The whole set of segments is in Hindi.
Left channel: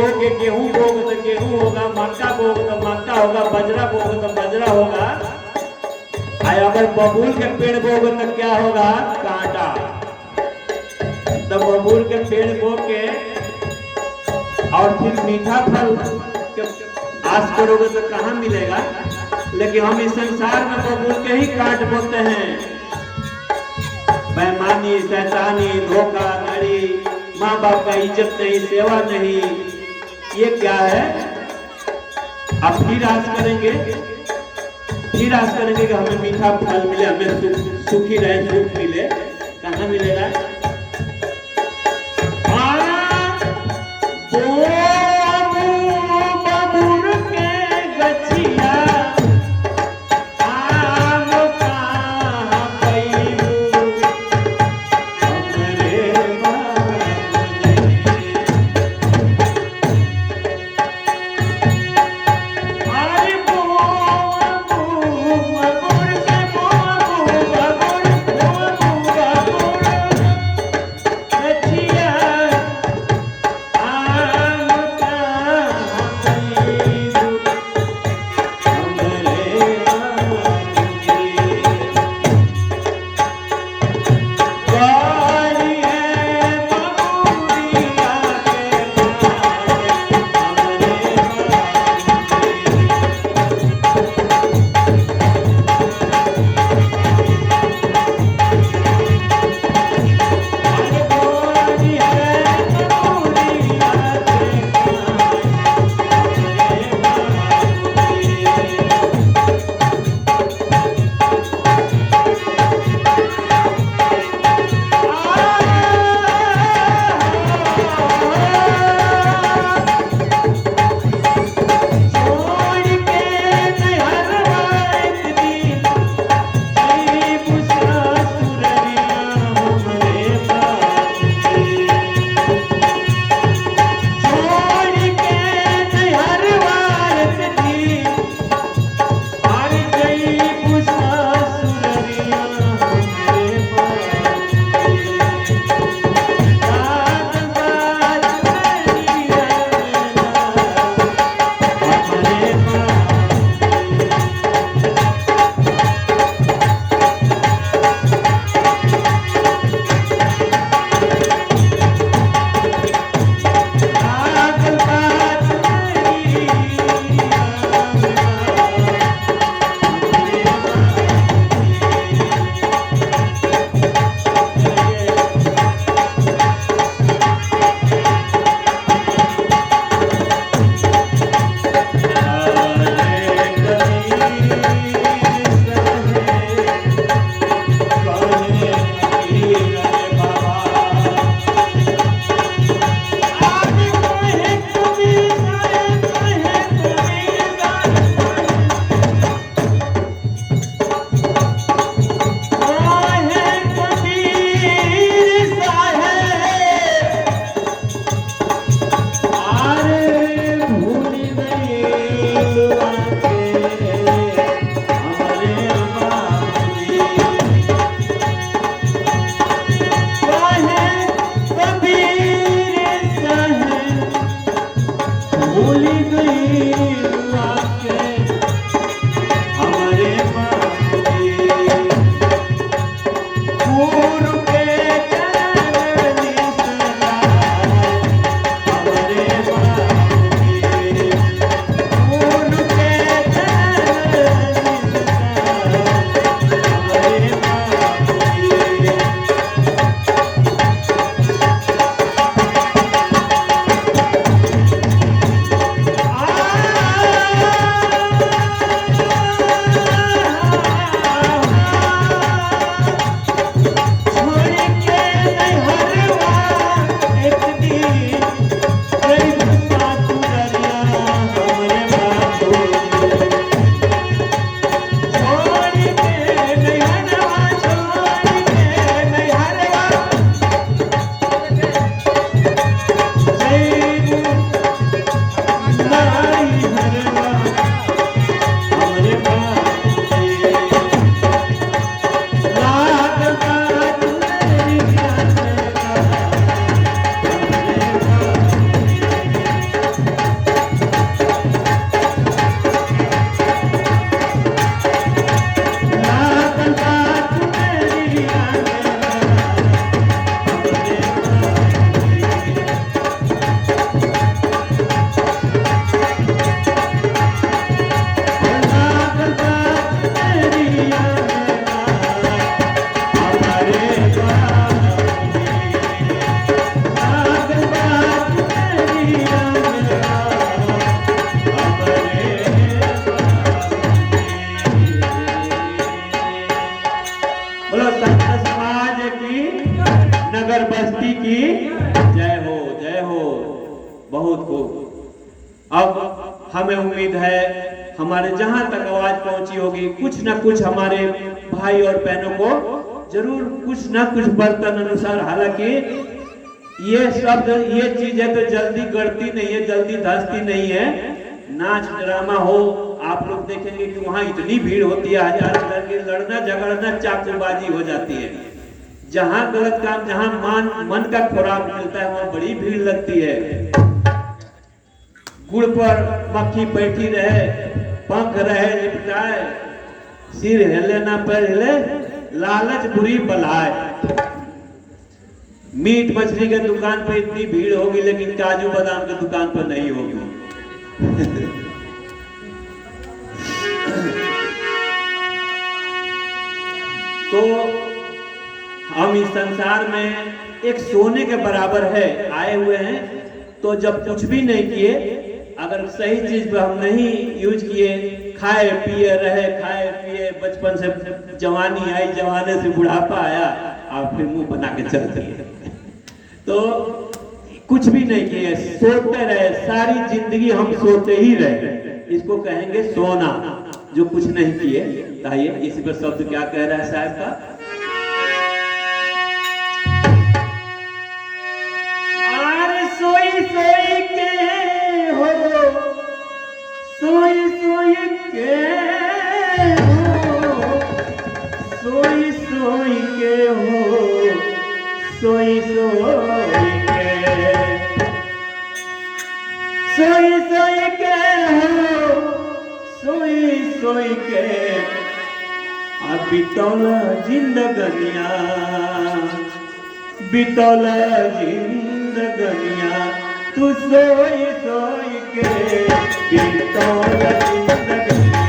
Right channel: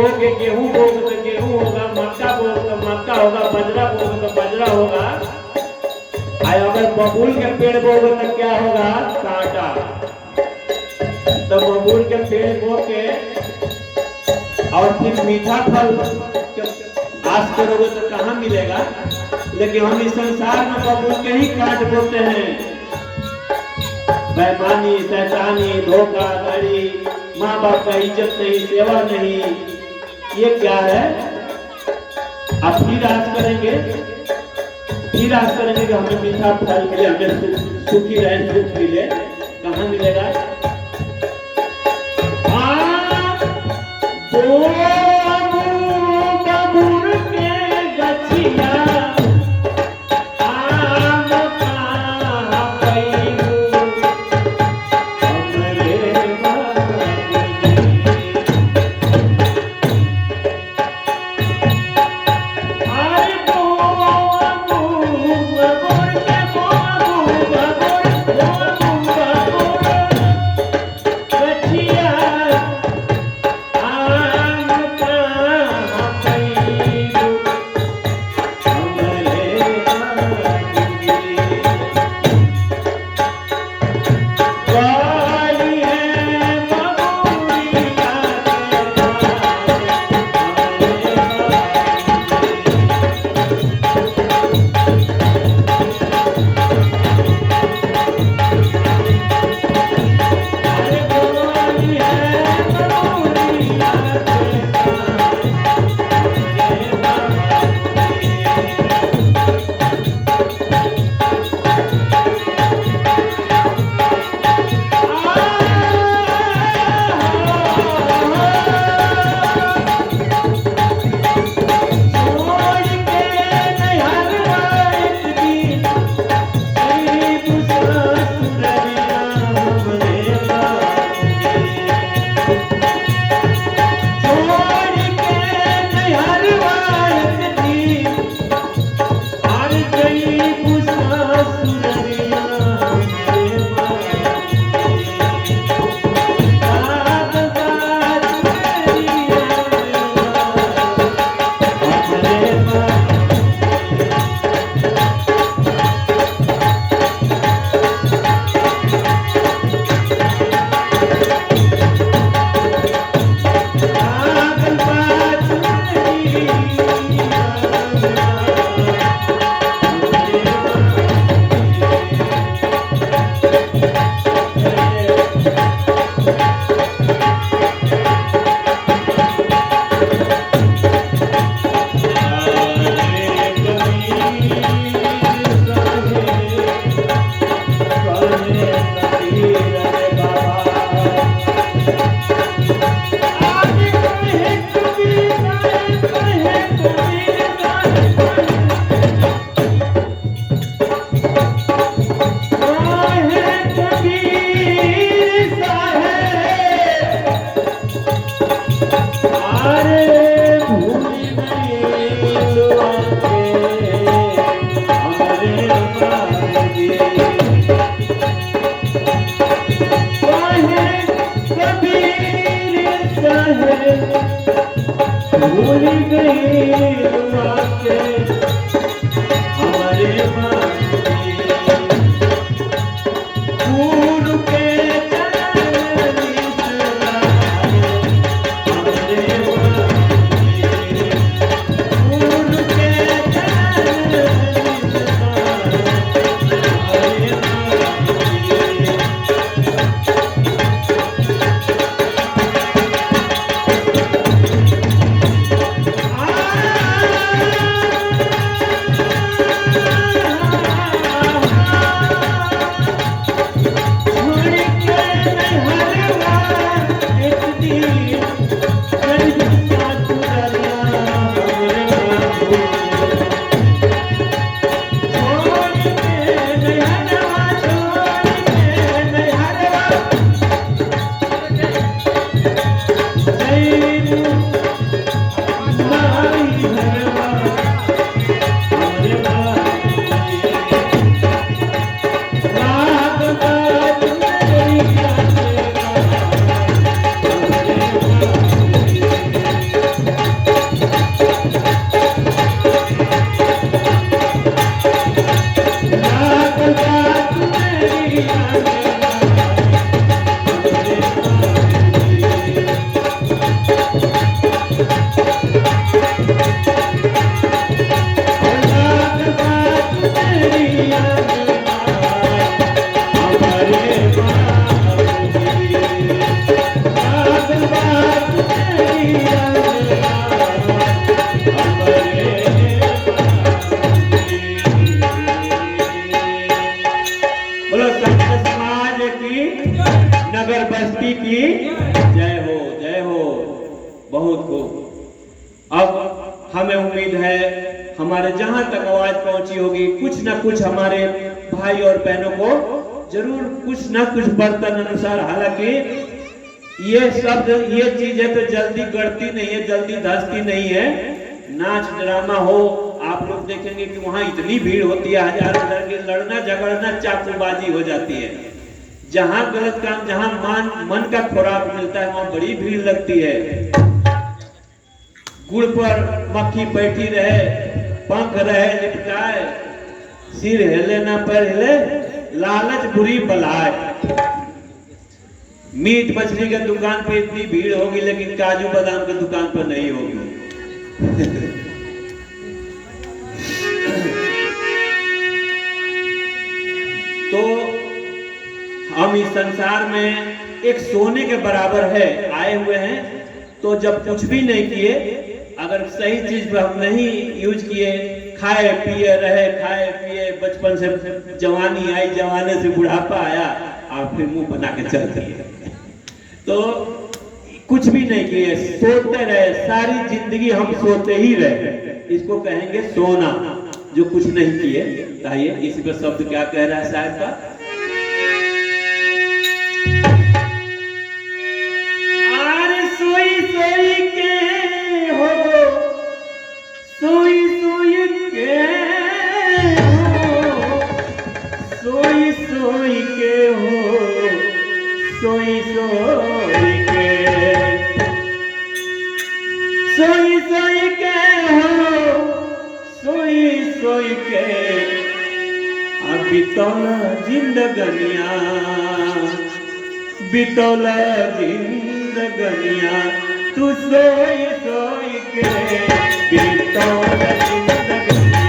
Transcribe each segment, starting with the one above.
बो के गेहूं बोगे तो गेहूं होगा, मक्का बोगे तो मक्का होगा, बजरा बोगे तो बजरा होगा। अगर बबूल के पेड़ बोगे तो क्या होगा? कांटा। तो बबूल के पेड़ बो के और फिर मीठा फल आस करोगे तो कहाँ मिलेगा? लेकिन हम इस संसार में बबूल के ही काट बोते हैं। बेईमानी, शैतानी, धोखाधड़ी, माँ बाप का इज्जत नहीं, सेवा नहीं, ये क्या है? अब फिर आस करेंगे कि हमें मीठा फल मिले, हमें सुखी रहे, सुख मिले। कहाँ मिलेगा? संत समाज की, नगर बस्ती की जय हो, जय हो। बहुत खूब। अब हमें उम्मीद है हमारे जहां तक आवाज पहुंची होगी, कुछ न कुछ हमारे भाई और बहनों को जरूर कुछ न कुछ बर्तन अनुसार, हालांकि ये शब्द ये चीज है तो जल्दी गढ़ती नहीं है, जल्दी धसती नहीं है। नाच ड्रामा हो, आप लोग देखेंगे कि वहां इतनी भीड़ होती है, हजार करके लड़ना झगड़ना चाकूबाजी हो जाती है। जहां गलत काम, जहां मन का खुराक मिलता है वहां बड़ी भीड़ लगती है। गुड़ पर मक्खी बैठी रहे, पंख रहे लिपटाए, सिर हिले ना पर हिले, लालच बुरी बलाए। मीट मछली के दुकान पर इतनी भीड़ होगी लेकिन काजू बादाम के दुकान पर नहीं होगी। तो हम इस संसार में एक सोने के बराबर है आए हुए हैं। तो जब कुछ भी नहीं किए, अगर सही चीज पर हम नहीं यूज किए, खाए पिए रहे, खाए पिए, बचपन से जवानी आई, जवाने से बुढ़ापा आया, आप फिर मुंह बना के चल दिए, तो कुछ भी नहीं किए, सोते रहे, सारी जिंदगी हम सोते ही रहे, इसको कहेंगे सोना। जो कुछ नहीं किए। आइए इसी पर शब्द क्या कह रहा है साहब का, सोई सोई के हो, सोई सोई के हो, सोई सोई के हो, सोई सोई के, सोई सोई के हो, सोई सोई के, बितौला जिंदगनिया, बितौला जिंदगनिया, तू सोई सोई के, बितौला जिंदगनिया।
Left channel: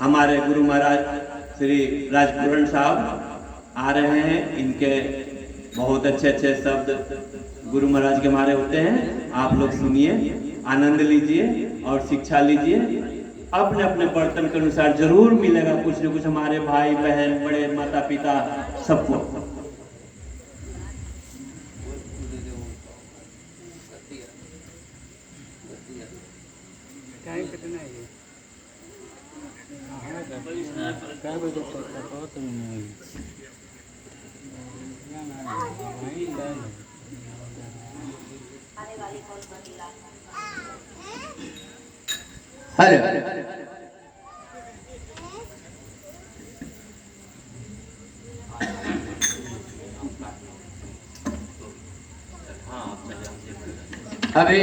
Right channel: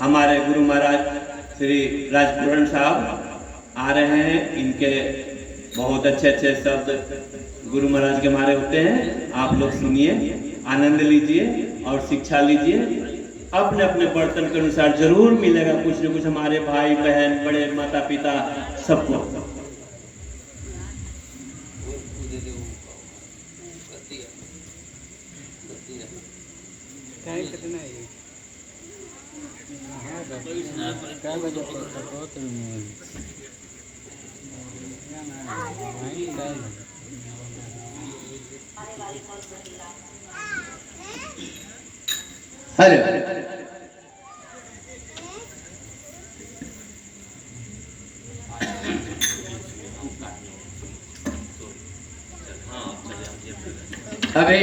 हमारे गुरु महाराज श्री राजपूरण साहब आ रहे हैं। इनके बहुत अच्छे अच्छे शब्द गुरु महाराज के हमारे होते हैं। आप लोग सुनिए, आनंद लीजिए और शिक्षा लीजिए। अपने अपने बर्तन के अनुसार जरूर मिलेगा कुछ न कुछ हमारे भाई बहन बड़े माता पिता सबको। काय बजे हेलो अभी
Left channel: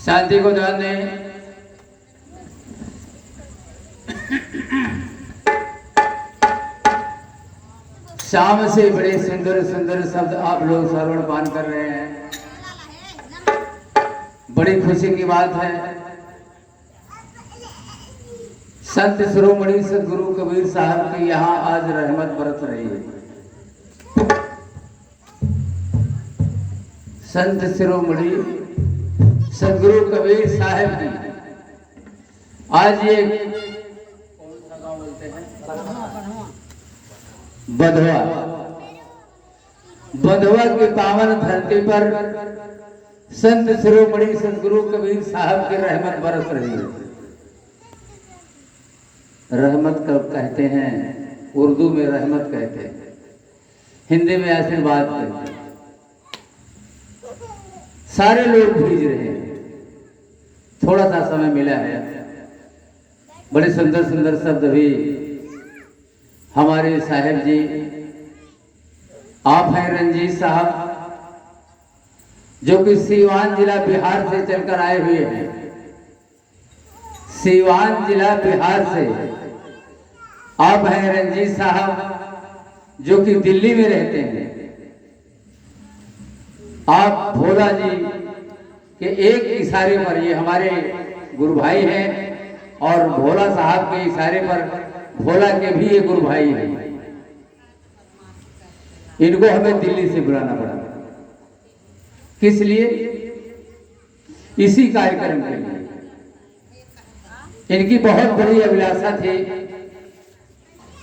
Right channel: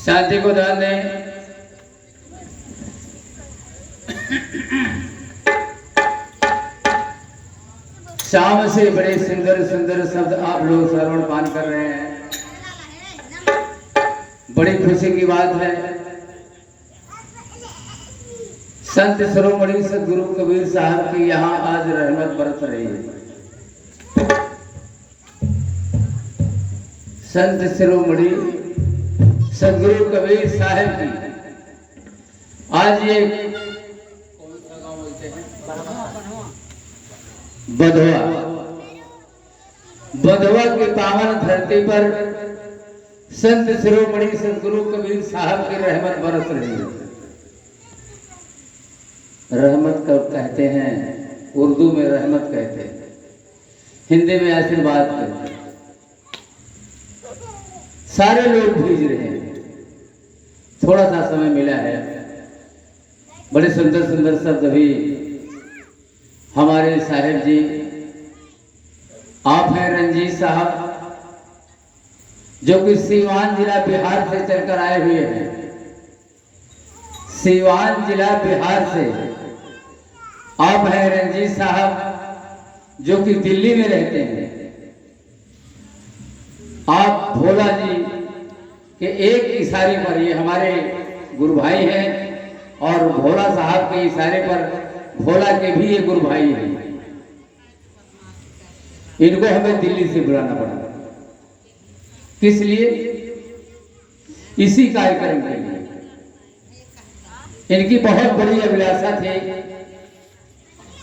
शांति को ध्यान दें। शाम से बड़े सुंदर सुंदर शब्द आप लोग श्रवण पान कर रहे हैं, बड़ी खुशी की बात है। संत शिरोमणि सदगुरु कबीर साहब की यहाँ आज रहमत बरस रही है। संत शिरोमणि सदगुरु कबीर साहब की आज ये कौन सा गांव बोलते हैं, बधवा, बधवा की पावन धरती पर संत शिरोमणि सदगुरु कबीर साहब की रहमत बरस रही है। रहमत कब कहते हैं, उर्दू में रहमत कहते हैं, हिंदी में आशीर्वाद कहते हैं। सारे लोग भीज रहे हैं, थोड़ा सा समय मिला है। बड़े सुंदर सुंदर शब्द भी हमारे साहेब जी, आप हैं रंजीत साहब, जो कि सीवान जिला बिहार से चलकर आए हुए हैं। सीवान जिला बिहार से आप हैं रंजीत साहब, जो कि दिल्ली में रहते हैं। आप भोला जी के एक इशारे पर, ये हमारे गुरु भाई हैं और भोला साहब के इशारे पर भोला के भी ये गुरु भाई हैं। इनको हमें दिल्ली से बुलाना पड़ा, किस लिए? इसी कार्यक्रम के लिए। इनकी बहुत बड़ी अभिलाषा थी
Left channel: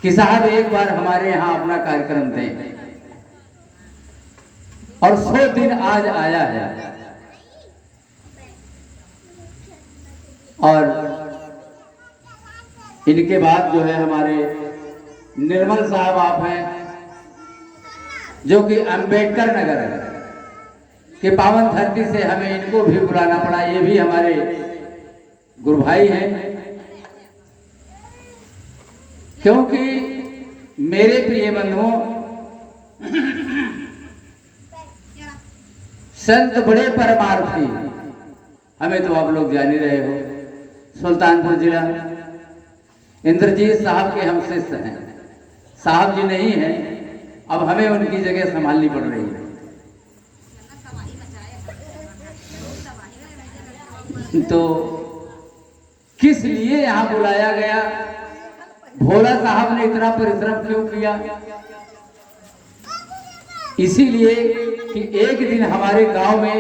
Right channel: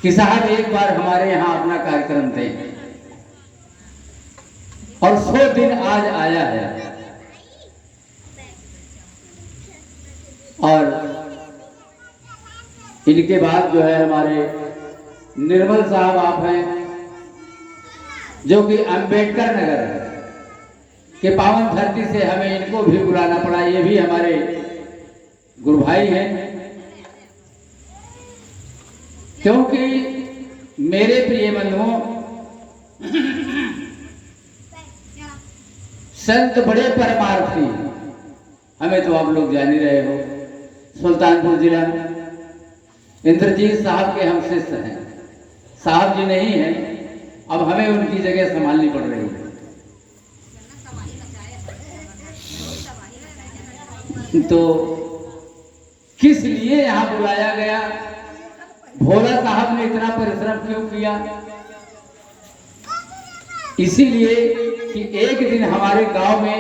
कि साहब एक बार हमारे यहाँ अपना कार्यक्रम दें, और 100 दिन आज आया है। और इनके बाद जो है हमारे निर्मल साहब आप हैं, जो कि अंबेडकर नगर है कि पावन धरती से हमें इनको भी बुलाना पड़ा। ये भी हमारे गुरु भाई हैं, क्योंकि मेरे प्रिय बंधुओं, संत बड़े परमार्थी, हमें तो आप लोग जान ही रहे हो। सुल्तानपुर जिला इंद्रजीत साहब के हम शिष्य हैं। साहब जी नहीं हैं, अब हमें उनकी जगह संभालनी पड़ रही है। तो किस लिए यहाँ बुलाया गया, भोला साहब ने इतना परिश्रम क्यों किया? इसीलिए कि एक दिन हमारे गांव में,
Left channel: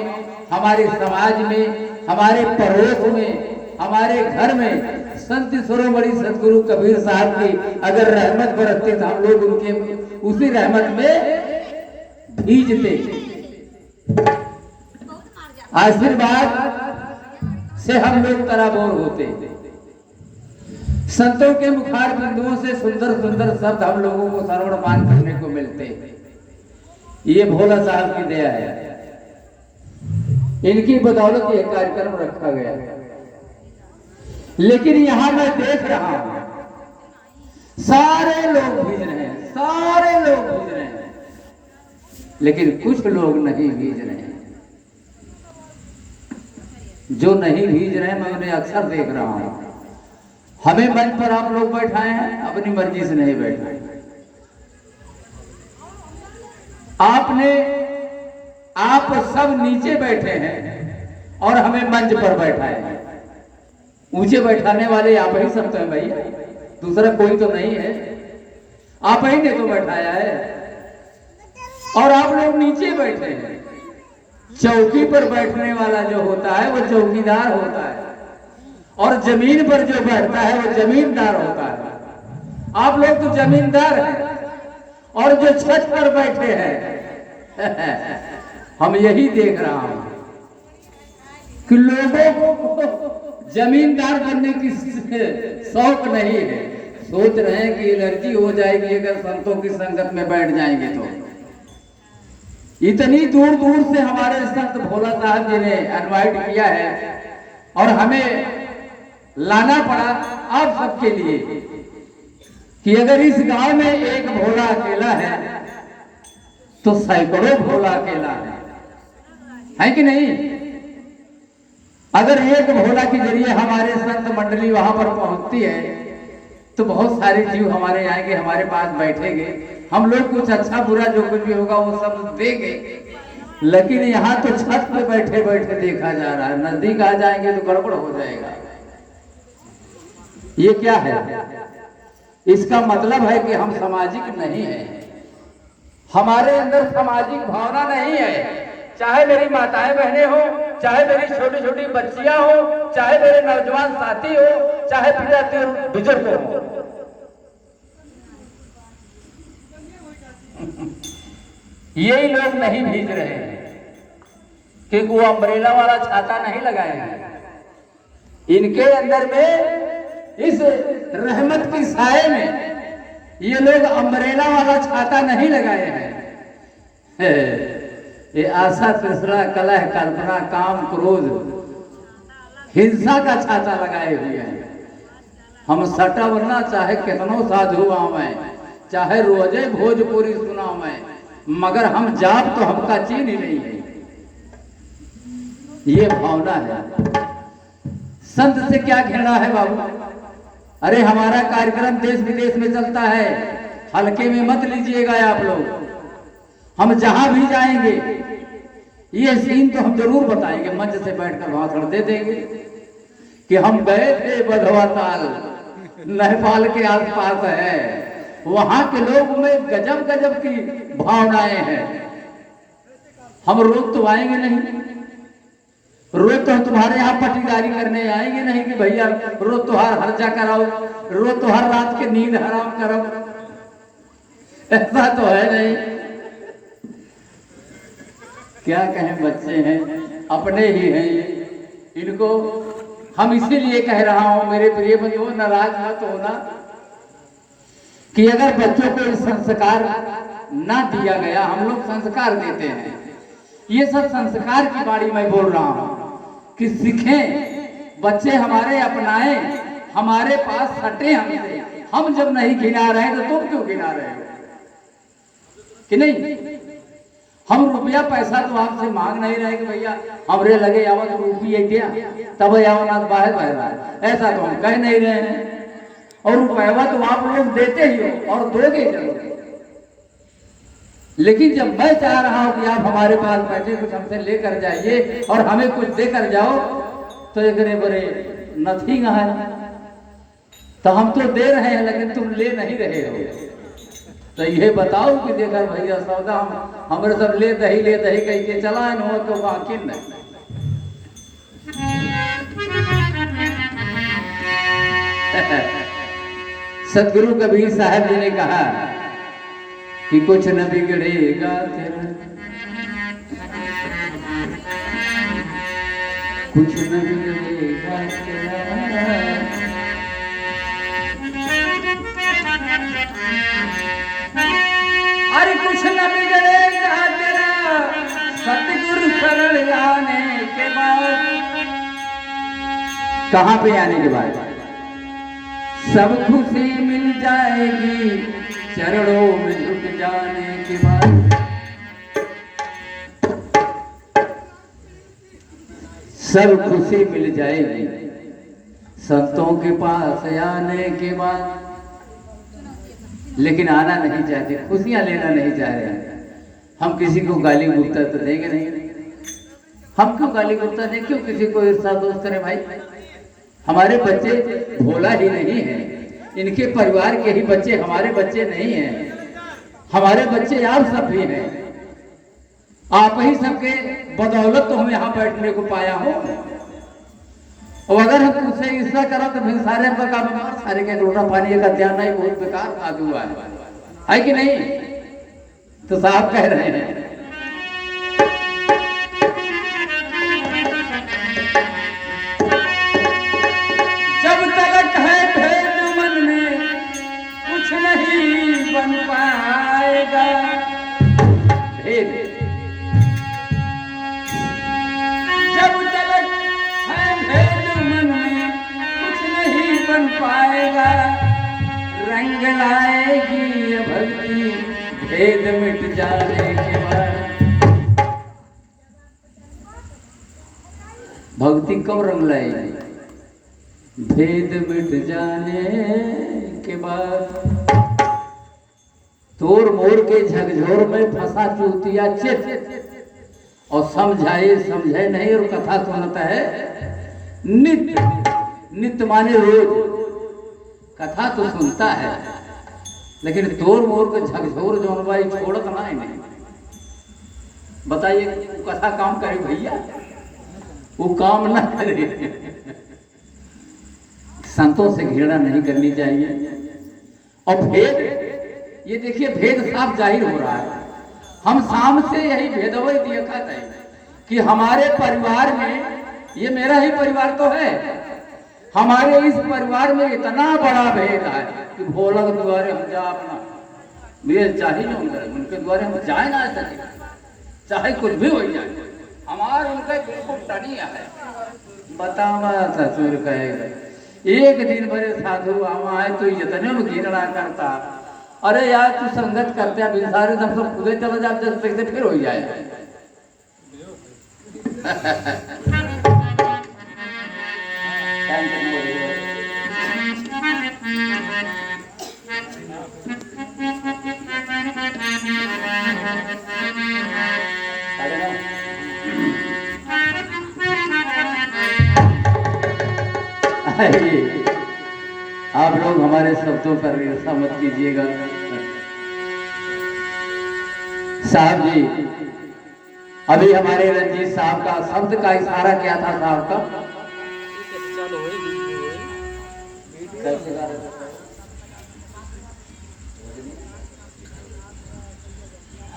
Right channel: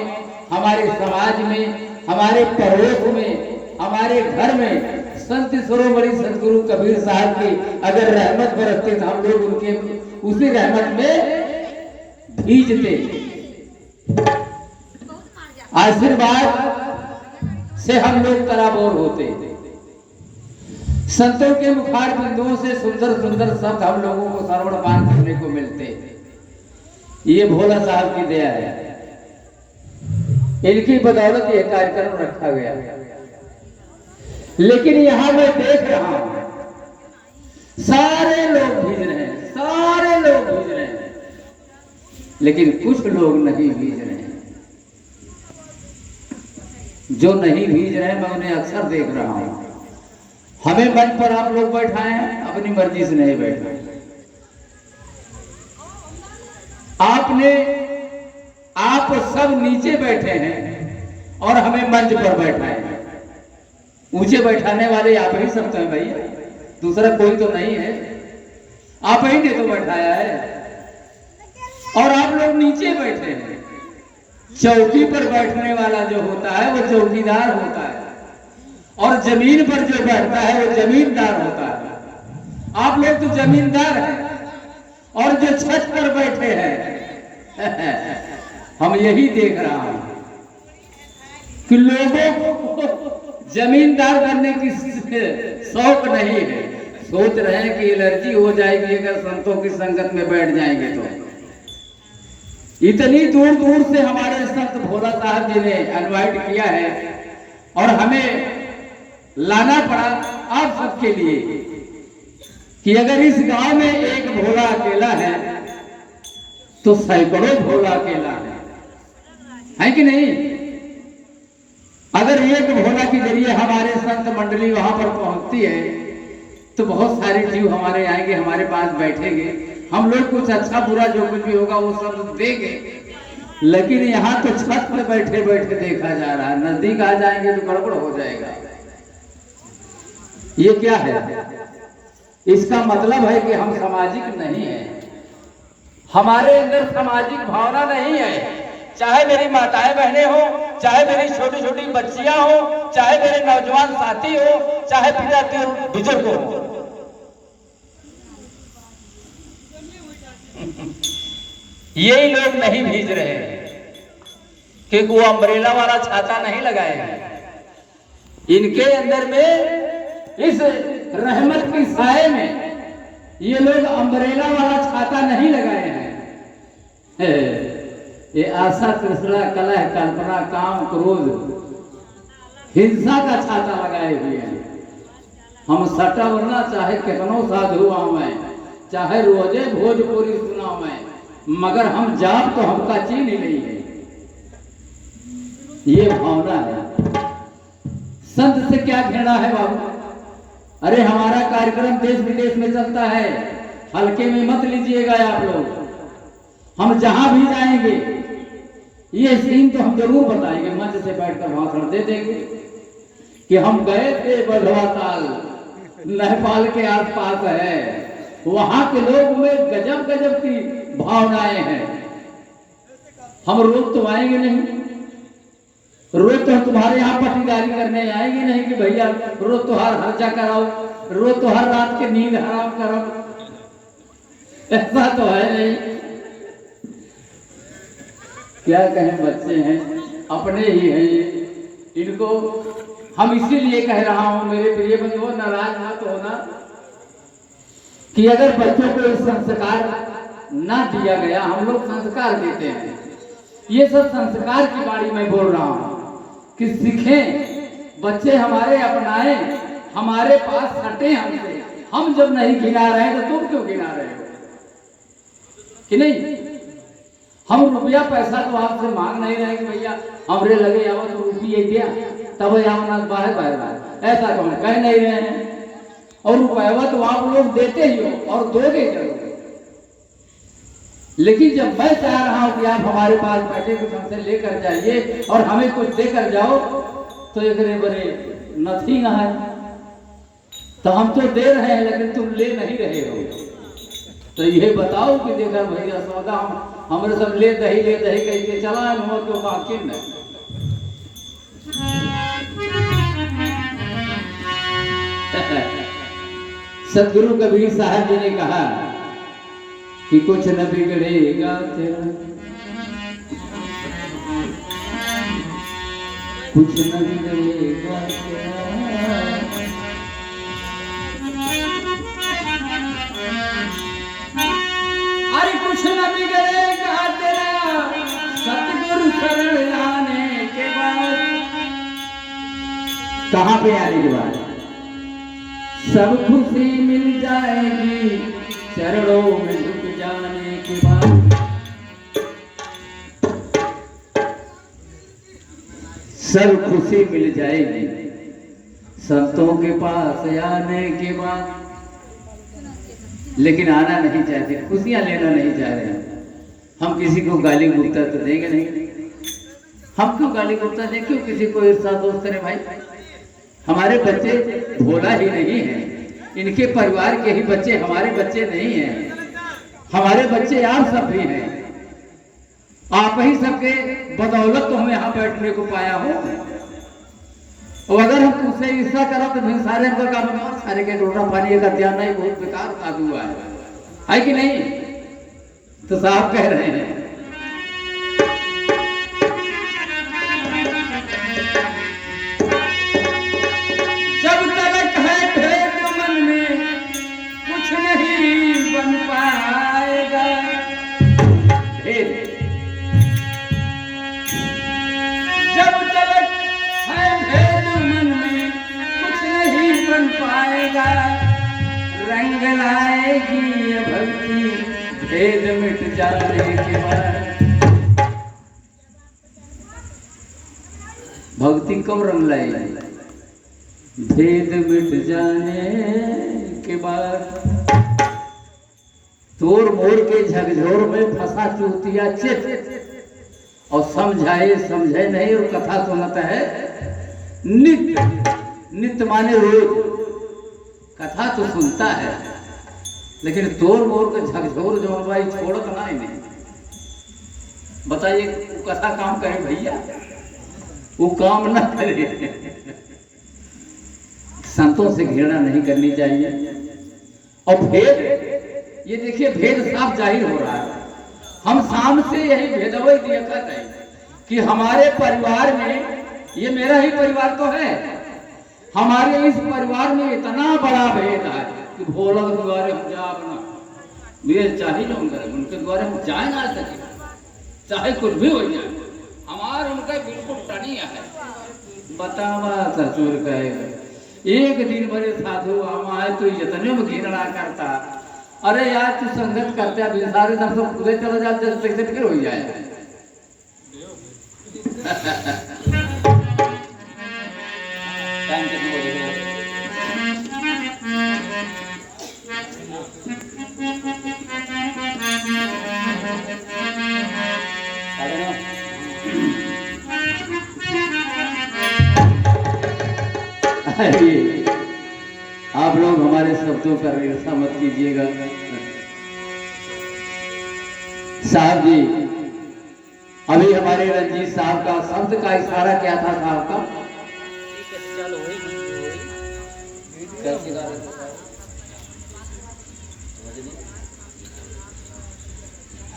हमारे समाज में, हमारे पड़ोस में, हमारे घर में संत शिरोमणि सदगुरु कबीर साहब की अगर रहमत बरसते तो हम लोग उनके उसी रहमत में भीजते, आशीर्वाद से हम लोग तराबोर होते। संतों के मुखार बिंदुओं से सुंदर सुंदर शब्द हम लोगों को श्रवणपान करने को मिलते। ये भोला साहब की दया है, इनकी बदौलत यह कार्यक्रम रखा गया। लेकिन यहां मैं देख रहा हूं सारे लोग भीज रहे हैं, सारे लोग भीज रहे हैं, लेकिन कुछ लोग नहीं भीज रहे हैं। जो नहीं भीज रहे हैं मैं उन्हें अक्सर देख रहा हूं। हमें मंच पर आप लोग बैठाए हैं, अपनी मर्जी से नहीं बैठे। आप सब नीचे बैठे हैं और हमें मंच पर बैठाए हैं। ऊंचे बैठाने वाले आप ही सब तो हैं भाई, दूसरा कोई तो नहीं है। आप ही ने तो बैठाया है और आप लोग नीचे बैठे हैं। चौकी पर बैठने वाला जो होता है वो चौकीदार होता है और जमीन पर जो बैठता है वो जमींदार होता है। आप लोग तो जमींदार हैं और जो छत पर बैठे हैं हम यही देख रहा हूं कि लोगों को जमींदार बनने की शौक नहीं है। सोच रहे हैं कि एलर्जी हो जाएगी अगर संतों की संगत में बैठ जाएंगे तो। इतनी दूर दूर से हमारे संत भोला साहब जी ने इनवाइट किया है और हमें लाना पड़ा आप सबके लिए कि अगर इस गांव में एक भोला अकेला है तो सैकड़ों भोला अकेला है कि नहीं? अगर एक भोला के जरिए हमारे संत मंडली वहां पर पहुंचती है तो बहुत सारे जीव हमारे आएंगे, हमारे पास बैठेंगे, हम लोग कुछ अच्छा बुरा जो कुछ भी होगा वो सब देंगे। लेकिन यहाँ तो छत पे बैठे बैठे देखा जा रहा है, नजदीक आ जाएंगे तो गड़बड़ हो जाएगा। ये क्या है? इसका मतलब है कि हम सामाजिक नहीं है, हमारे अंदर सामाजिक भावना नहीं है। चाहे मेरी माताएं बहनें हो, चाहे मेरी छोटी छोटी बच्चियां हो, चाहे मेरे नौजवान साथी हो, चाहे पिता बुजुर्ग हो, यही लोग नहीं भीज रहे हैं क्योंकि वो अम्ब्रेला वाला छाता नहीं लगाए हैं। इनके अंदर में इस रहमत की साए में ये लोग अम्ब्रेला वाला छाता नहीं लगाए हैं। ये आशा, तृष्णा, कलह, कल्पना, काम, क्रोध, हिंसा का छाता लगाए हुए हैं। हम सटवना चाहे कितनों साधु आवे, चाहे रोजे भोजपुरी सुनावे, मगर हम जाप तो हमका चीन ही नहीं है। ये भावना है। संत से क्या घृणा है बाबू? अरे हमारा कार्यक्रम देश विदेश में चलता है, हल्के में मत लीजिएगा आप लोग। हम जहां भी जाएंगे ये सीन तो हम जरूर बताएंगे, मंच से बैठकर भाषण दे देंगे कि हम गए थे बधवा ताल, नेपाल के आसपास है, वहां के लोग में गजब गजब की भावनाएं हैं। हम रोज तो आएंगे नहीं, रोज तो तुम्हारे यहाँ पट्टीदारी करने आएंगे नहीं कि भैया रोज त्योहार हर्जा कराओ, रोज त्योहार रात के नींद हराम करो, ऐसा तो है नहीं। क्या कहें, बच्चे हैं, अपने ही हैं ये, इनको हम इसीलिए कह रहा हूं मेरे प्रिय बंधुओं, नाराज मत होना कि अगर बच्चों को इस संस्कार ना दिया गया, हम लोग संस्कार देते हैं, ये सब संस्कार की बाड़ी मैं बोल रहा हूं कि सीखें, बच्चे हमारे अपनाएं, हमारे पास हटे हमसे। हम जब नहीं गिना रहे तो तुम क्यों गिना रहे हो कि नहीं? हम रुपया पैसा तो आपसे मांग नहीं रहे कि भैया हमरे लगे आवत रुपये दिया तब यहाँ बाहर बाहर ऐसा तो हम कह नहीं रहे हैं। और रुपया तो आप लोग देते ही हो और दोगे जरूर, लेकिन जब मैं चाह रहा हूं कि आप हमारे पास बैठे कुछ हमसे लेकर जाइए और हमें कुछ देकर जाओ, तो एक बड़े नथिंग है। तो हम तो दे रहे हैं लेकिन तुम ले नहीं रहे हो। तो ये बताओ कि देखा भैया सौदा हम हमारे सब ले दही कह के चला हुआ तो बाकी नहीं। सदगुरु कबीर साहब जी ने कहा कि कुछ न बिगड़ेगा तेरा, कुछ न बिगड़ेगा तेरा, अरे कुछ न बिगड़ेगा तेरा सतगुरु शरण आने के बाद। कहां पे आने के बाद? सब खुशी मिल जाएगी चरणों में झुक जाने के बाद। सब खुशी मिल जाएगी संतों के पास आने के बाद। लेकिन आना नहीं चाहते, खुशियां लेना नहीं चाह रहे हैं। हम किसी को गाली गुप्ता तो देंगे नहीं। हम क्यों गाली गुप्ता दें, क्यों किसी को ईर्षा दोस्त करें भाई? हमारे बच्चे भोला ही नहीं है, इनके परिवार के ही बच्चे हमारे बच्चे नहीं हैं। हमारे बच्चे आप सब भी हैं। आप ही सबके बदौलत तो हम यहाँ बैठने को पाया हो। और अगर हम तुझसे ईर्षा करा तो फिर सारे का काम और सारे के रोटा पानी का ध्यान नहीं, बहुत बेकार साधु हुआ है कि नहीं? तो साहब कह रहे हैं जब तक है भेद मन में कुछ नहीं बन पाएगा। भेद जब तक है भेद मन में कुछ नहीं बन पाएगा। रंग लाएगी ये भक्ति भेद मिट जाने के बाद। भक्ति कब रंग लाएगी? भेद मिट जाने के बाद। तोड़ मोड़ के झकझोर में फंसा चूतिया चित और समझाए समझे नहीं और कथा सुनता है नित्य। नित्य माने रोज कथा तो सुनता है, लेकिन तोड़ मोड़ के झकझोर जो भाई छोड़त ना है। बताइए कथा काम करे भैया? वो काम ना करे। संतों से घृणा नहीं करनी चाहिए। और भेद, ये देखिए भेद साफ जाहिर हो रहा है। हम शाम से यही भेदभाव दिया कर रहे हैं कि हमारे परिवार में, ये मेरा ही परिवार तो है, हमारे इस परिवार में इतना बड़ा भेद है कि भोला के द्वारे हम जा अपना भेद चाहिए उनके द्वारे हम जाए ना सके, चाहे कुछ भी हो जाए। हमारे उनका बिल्कुल टनिया है। बतावा ससुर कहेगा एक दिन भरे साधु हम आए तो इतने में घिरना करता। अरे यार तू संगत करते अभी सारे सब तो खुदे चले जाते तो फिर हो जाए। आप लोग हमारे शब्दों पर ईर्षा मत कीजिएगा। साहब जी, अभी हमारे रंजीत साहब का शब्द का इशारा क्या था? साहब का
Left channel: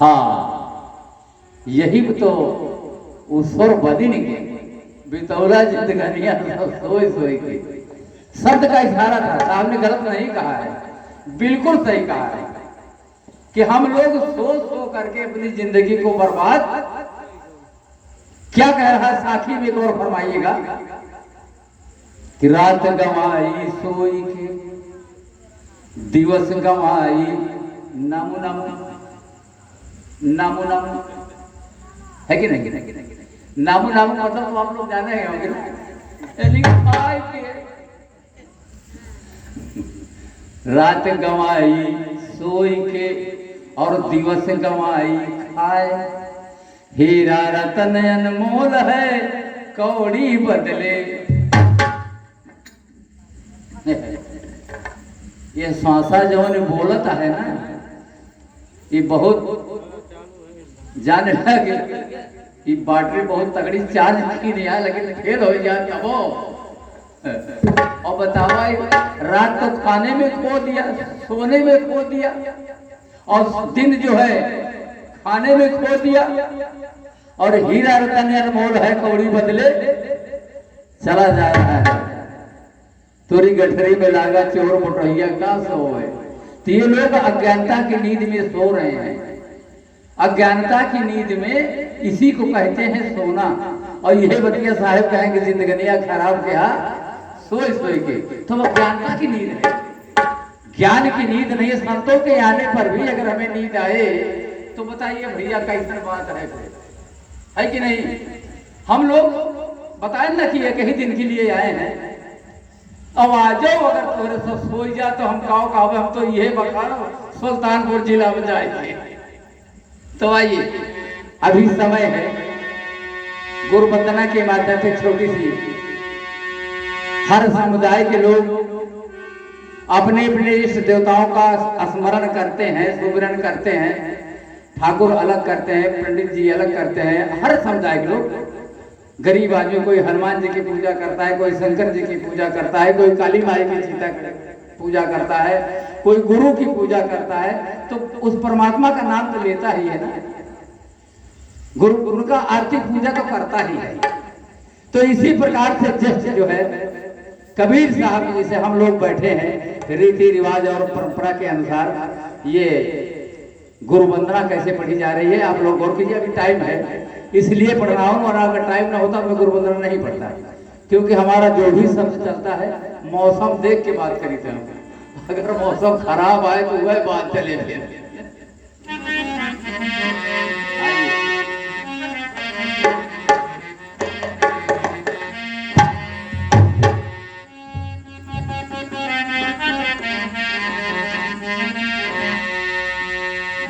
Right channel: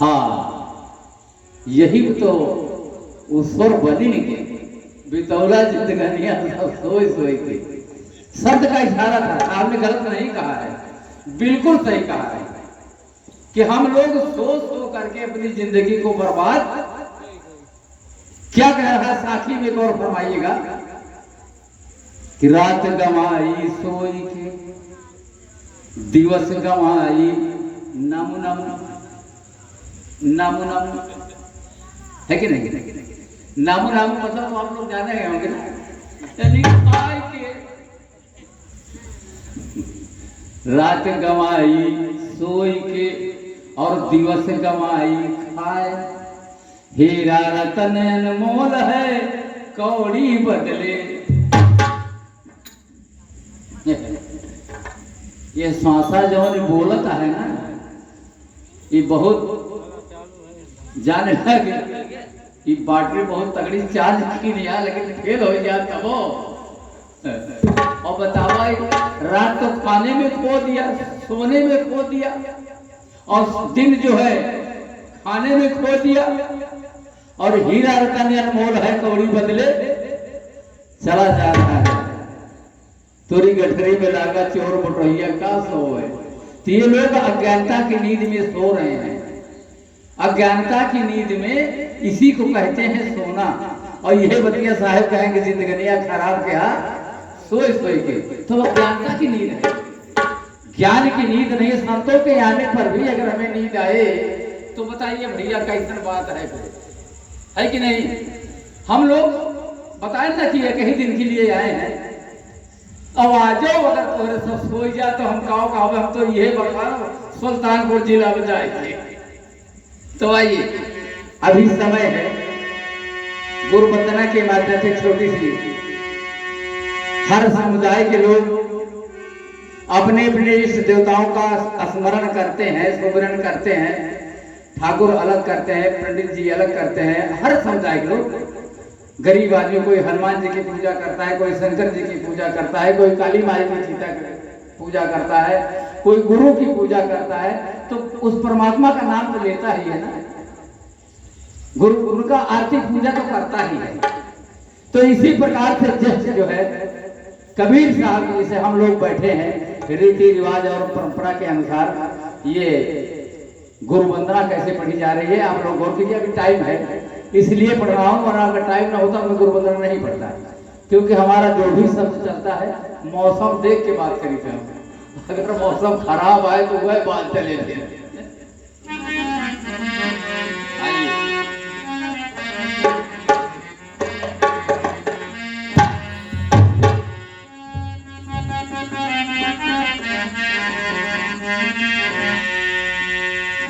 हाँ, यही तो ऊश्वर बदिन के बितौला जिंदगानियां सोई सोई थी। शब्द का इशारा था। साहब ने गलत नहीं कहा है, बिल्कुल सही कहा है कि हम लोग सो करके अपनी जिंदगी को बर्बाद। क्या कह रहा है साथी में? एक और फरमाइएगा कि रात गंवाई सोई के, दिवस गंवाई नामु नामु नामु नामु, है कि नहीं? नामु नामु मतलब तो आप लोग जाने हैं होंगे ना, यानी पाई के रात गवाई सोई के और दिवस गवाई खाए। हीरा रतन अनमोल है कौड़ी बदले। ये श्वासा जो बोलत है ना, ये बहुत जाने लगे, ये बैटरी बहुत तगड़ी चार्ज की नहीं है, लेकिन फेल हो जाए तब और बतावा रात तो खाने में खो दिया, सोने में खो दिया, और दिन जो है खाने में खो दिया, और हीरा रतन अनमोल है कौड़ी बदले चला जा रहा है। तोरी गठरी में लागा चोर मोटैया का सो है। तो ये लोग अज्ञानता की नींद में सो रहे हैं। अज्ञानता की नींद में इसी को कहते हैं सोना। और यह बतिया साहब कहेंगे जिंदगनिया खराब क्या सोए सोए के, तो अज्ञानता की नींद है, ज्ञान की नींद नहीं। संतों के आने पर भी अगर हमें नींद आए तो बताइए भैया कैसी बात है कि नहीं। हम लोग बताए ना कि एक ही दिन के लिए आए हैं, अब आ जाओ, अगर तोरे सब सो जा तो हम कहो हम तो ये बता सुल्तानपुर जिला में जाएंगे। तो आइए, अभी समय है गुरु वंदना के माध्यम से छोटी सी हर समुदाय के लोग अपने अपने इष्ट देवताओं का स्मरण करते हैं, सुमिरन करते हैं। ठाकुर अलग करते हैं, पंडित जी अलग करते हैं, हर समुदाय के लोग। गरीब आदमी कोई हनुमान जी की पूजा करता है, कोई शंकर जी की पूजा करता है, कोई काली माई की पूजा करता है, कोई गुरु की पूजा करता है। तो उस परमात्मा का नाम तो लेता ही है ना, गुरु का आर्थिक पूजा तो करता ही है। तो इसी प्रकार से जस्ट जो है कबीर साहब जी से हम लोग बैठे हैं, रीति रिवाज और परंपरा के अनुसार ये गुरु वंदना कैसे पढ़ी जा रही है आप लोग गौर कीजिए। अभी टाइम है इसलिए पढ़ रहा हूँ, और अगर टाइम ना होता तो गुरु वंदना नहीं पढ़ता, क्योंकि हमारा जो भी शब्द चलता है मौसम देख के बात करी थे। अगर मौसम खराब आए तो वह बात चले थे।